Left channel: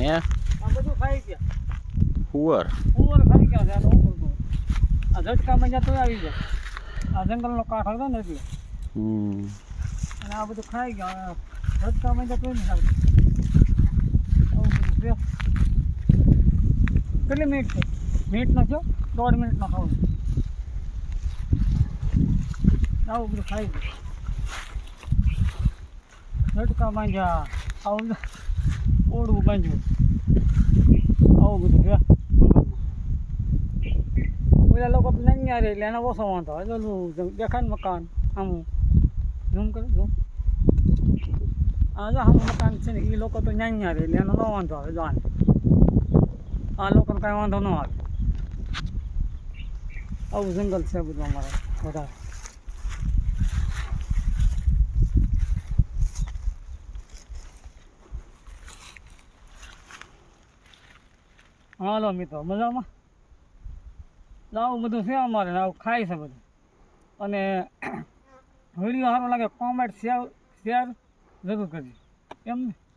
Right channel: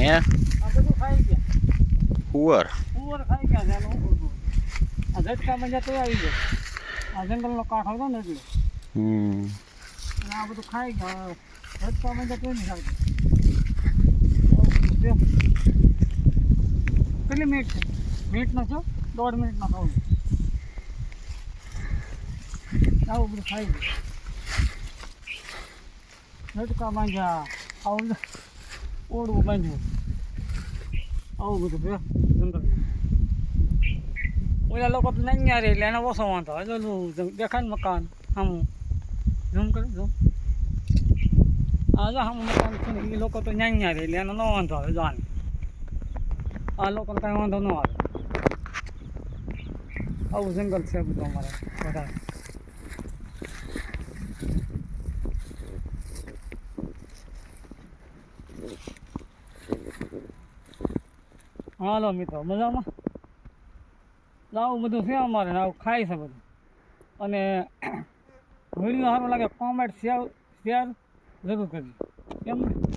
હે આ બધું ખાઈ ગયા હુવર કુંવર ખાઈ ગયા છે આનું શું કરવું? આ ઝટકા મજા તો આવી ગયા આ જંગલનો કાંઠ હતો ને એટલે હમ અને આ બધું ખાઈ ગયા આ ઝટકા મજા તો નહીં આવતું આવું બધું છે કેટલી મિનિટ છે મિનિટ નો થયો દોઢ મિનિટનો ખાવું આવું બધું ખાઈ ગયું ઝટકા બાંધ્યા આવું ઓળવું બાંધ્યું. આવું બધું છે. ઓલા લોકો નહીં રે એટલે એને ઓછો વાંધો હોય. ઓલું દેખાય ને મકાન આમ ઝૂમ કરે, ઝૂમ. આ જો આમ મકાન છે ને એ લોકો તો ન્યા રે એટલે એનો ન વાંધો આવે જાણ આ લોકોને કાંઈ વાંધો ન આવે. આવું જંગલ છે બધું અમારે, વધારે. હાલો મિત્રો, મજામાં? આવું બધું છે અમારે આવું ખાય છે બધું. અને વીડિયો સારો લાગે કોમેન્ટ શેર શેર જરૂર કેમ ને?